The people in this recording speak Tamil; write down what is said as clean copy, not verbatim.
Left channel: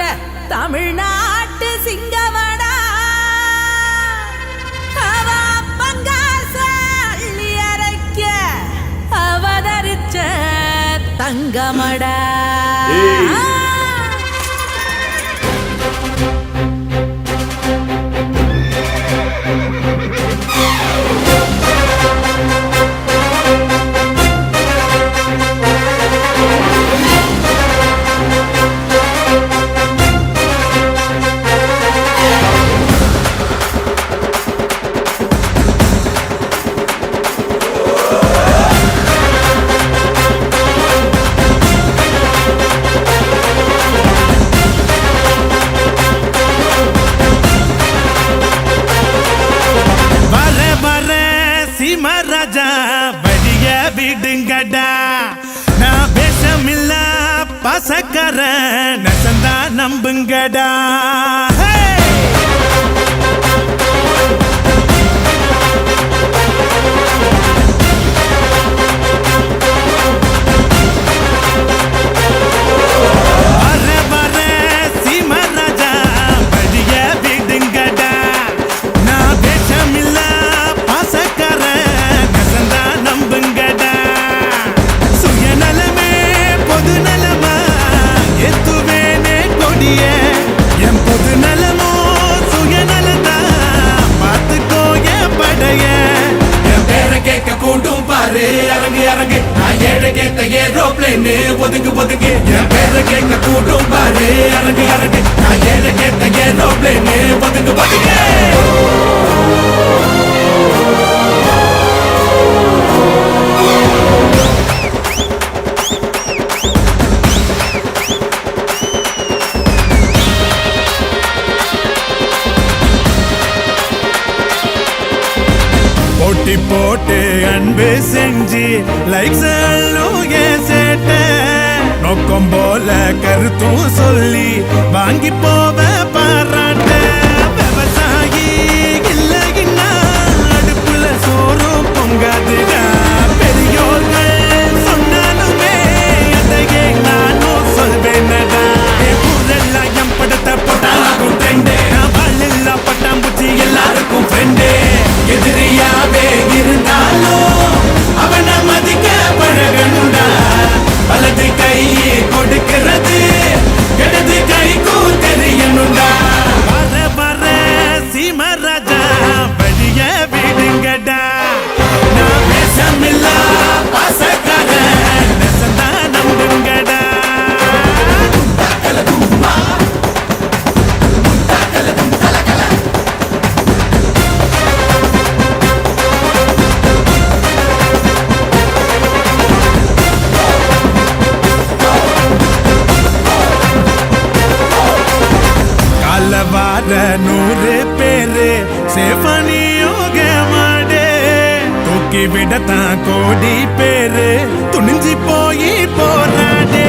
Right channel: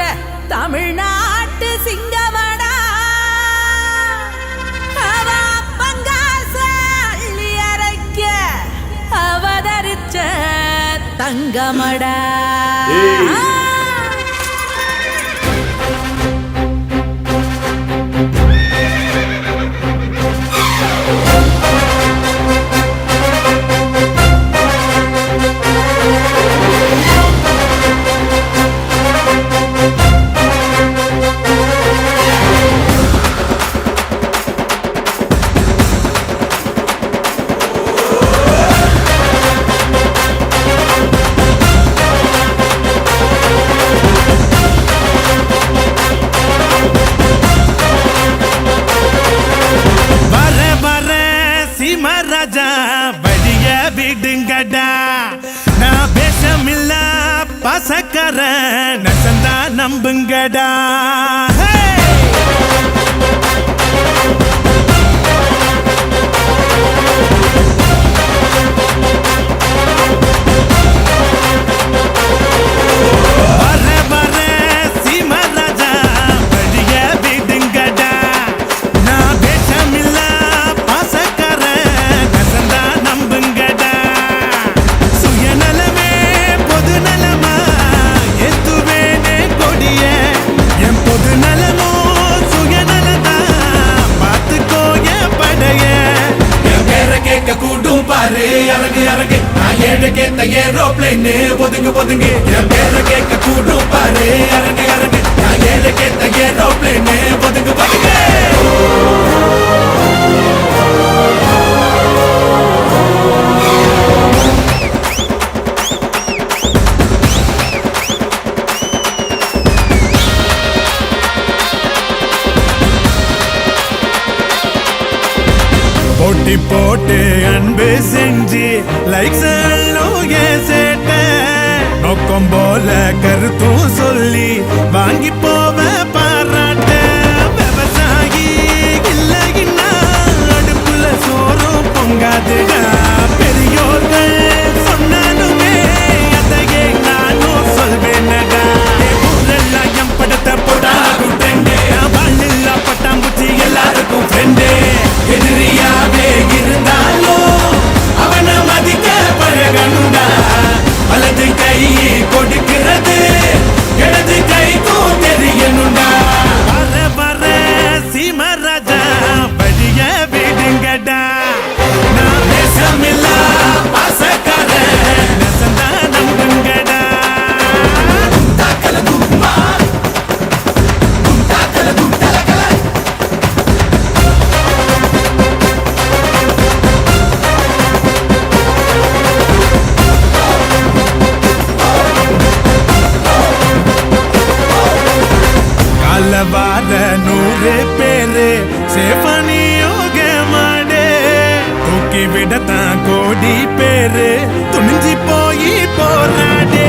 கொண்ட தமிழ்நாட்டு சிங்கமடா. அவ பங்காச அள்ளி அரைக்க அவதரிச்ச தங்கமடா. ராஜா வழிய விடுங்கடா. நான் பேசமில்ல பசக்கர நசந்தா நம்புங்கடா. பொது நலமோ சுயநலதா பாத்துக்கோ என் படைய. என் பேரை கேட்க கூட்டும் பாரு அரங்கு அரங்கு. நான் ஏழை கேட்ட ஏரோப்ளைன் ஒதுங்கு ஒதுங்கு. என் பேரை கேட்க கூட்டும் பாரு அரங்கு அரங்கு. நான் ஏழை கேட்ட ஏரோப்ளைன் ஒதுங்கு ஒதுங்கு. போட்டி போட்டு அன்பு செஞ்சு லைக்ஸ் சேட்ட நோக்கம் போல கருத்தும் சொல்லி வாங்கி போவ பாராட்ட. விவசாயி இல்லைன்னா அடுப்புல சோறும் பொங்காதுடா. பெரியோர்கள் சொன்னாலுமே அதையே நானும் சொல்வேனடா. ஊரெல்லாம் என் படத்தை போட்டாலும் ட்ரெண்டு. நான் வாழ் பட்டாம்பூச்சி எல்லாருக்கும் ஃப்ரெண்டு. எதிரியாவே இருந்தாலும் அவனை மதிக்க பழகணுண்டா. வலது கை கொடுக்கிறது இடது கைக்கும் தெரியணுண்டா. வர வர சீமராஜா வழிய விடுங்கடா. நான் பேசமில்ல பாசக்கார நெசந்தா நம்புங்கடா. வார 100 பேரு சேஃபனியோக மாடே. தூக்கி விடத்தான் கோடி பேரு துணிஞ்சி போய் போராடே.